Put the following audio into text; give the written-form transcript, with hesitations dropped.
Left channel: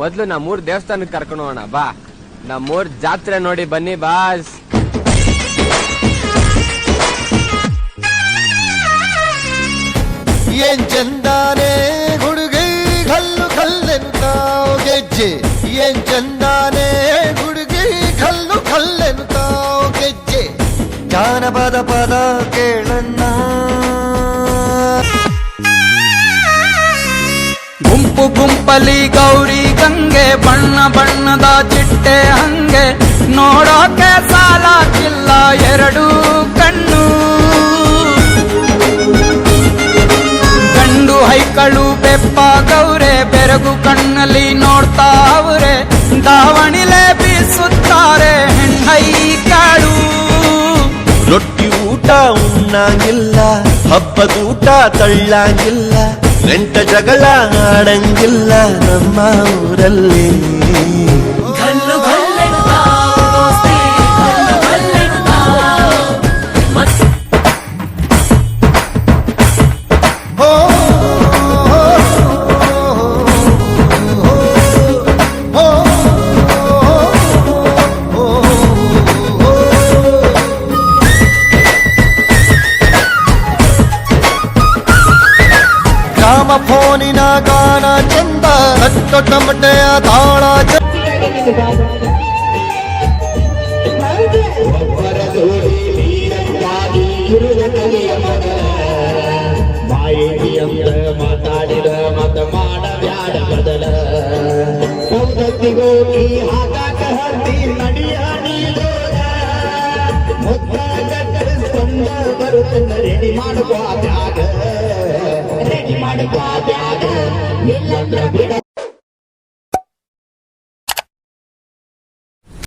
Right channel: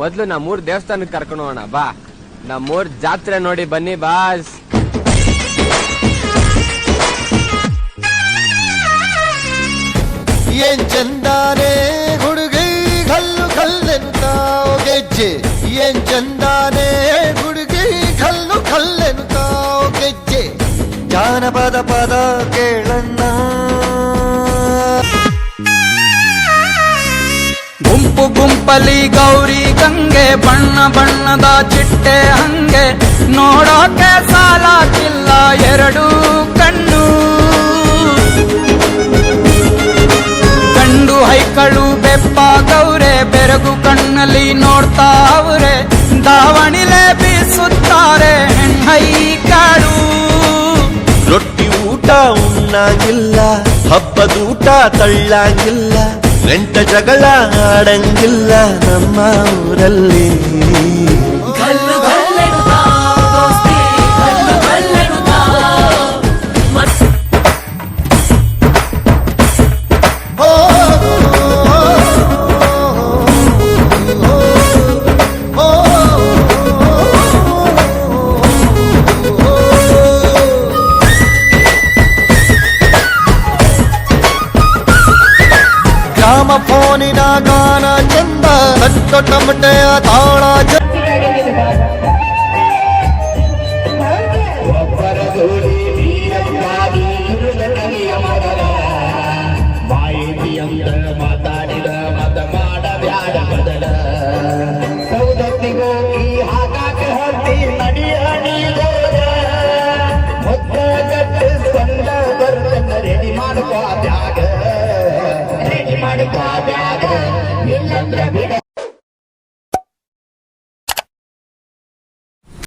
ಮೊದ್ಲು ನಮ್ಮೂರ್ ದೇವಸ್ಥಾನಕ್ಕೆ ಕರ್ಕೊಂಡು ಹೋಗೋಣ ಬಾ. ನಮ್ಮೂರ್ ಜಾತ್ರೆ ನೋಡಿ ಬನ್ನಿ ಬಾಸ್. ಏನ್ ಚಂದಾನೆ ಹುಡುಗಿ ಕಲ್ಲು ಕಲ್ಲೆನುತ್ತಾವ ಗೆಜ್ಜೆ. ಏನ್ ಚಂದಾನೆ ಹುಡುಗಿ ಕಲ್ಲು ಕಲ್ಲೆನುತ್ತಾವ ಗೆಜ್ಜೆ. ಜಾನಪದ ಪದ ಕೇಳಣ್ಣ. ಗುಂಪು ಗುಂಪಲಿ ಗೌರಿ ಗಂಗೆ, ಬಣ್ಣ ಬಣ್ಣದ ಚಿಟ್ಟೆ ಹಂಗೆ, ನೋಡೋಕೆ ಸಾಲಾಕಿಲ್ಲ ಎರಡು ಕಣ್ಣು. ಗಂಡು ಹೈಕಳು ಬೆಪ್ಪ ಗೌರೆ, ಬೆರಗು ಕಣ್ಣಲ್ಲಿ ನೋಡ್ತಾ ಅವ್ರೆ, ದಾವಣಿಲೆ ಬೀಸುತ್ತಾರೆ ಹೆಣ್ಣೈಕಾಳು. ರೊಟ್ಟಿ ಊಟ ಉಣ್ಣಂಗಿಲ್ಲ, ಹಬ್ಬದೂಟ ತಳ್ಳಂಗಿಲ್ಲ, ನೆಂಟ ಜಗಳ ಆಡಂಗಿಲ್ಲ ನಮ್ಮ ಊರಲ್ಲಿ. ಗ್ರಾಮ ಫೋನಿನ ಗಾನ ಚಂದ, ತಟ್ಟೊ ಟಮಟೆಯ ತಾಳ ಮಾತಾಡಿದ ಮತ ಮಾಡಬ್ಯಾಡ ಬದಲ. ಸೌದತ್ತಿಗೋಗಿ ಹಾಕಾಕ ಹತ್ತಿ ನಡಿಯ ನೀಡೋದ. ಮೊದಲ ಗಟ್ಟ ಸಂದ ಬರುತ್ತನ್ನ ರೆಡಿ ಮಾಡ್ಕೋ ಬ್ಯಾಗ, ರೆಡಿ ಮಾಡ್ಕೋ ಬ್ಯಾಗ. ಇಲ್ಲಂದ್ರ